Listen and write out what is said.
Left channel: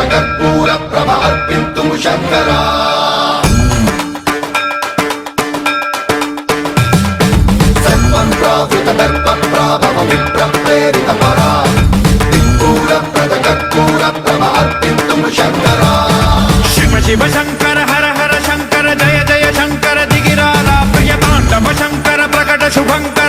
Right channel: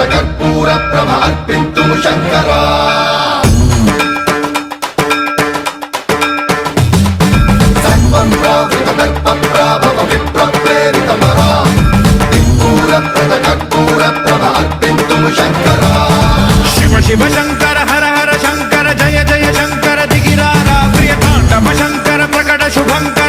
कर्पूर प्रभार्पिन्तुं शङ्करा शिव शिव शंकर हर हर शंकर जय जय शंकर दिगिरारा प्रिय तांडव शंकर प्रकट शुभंकर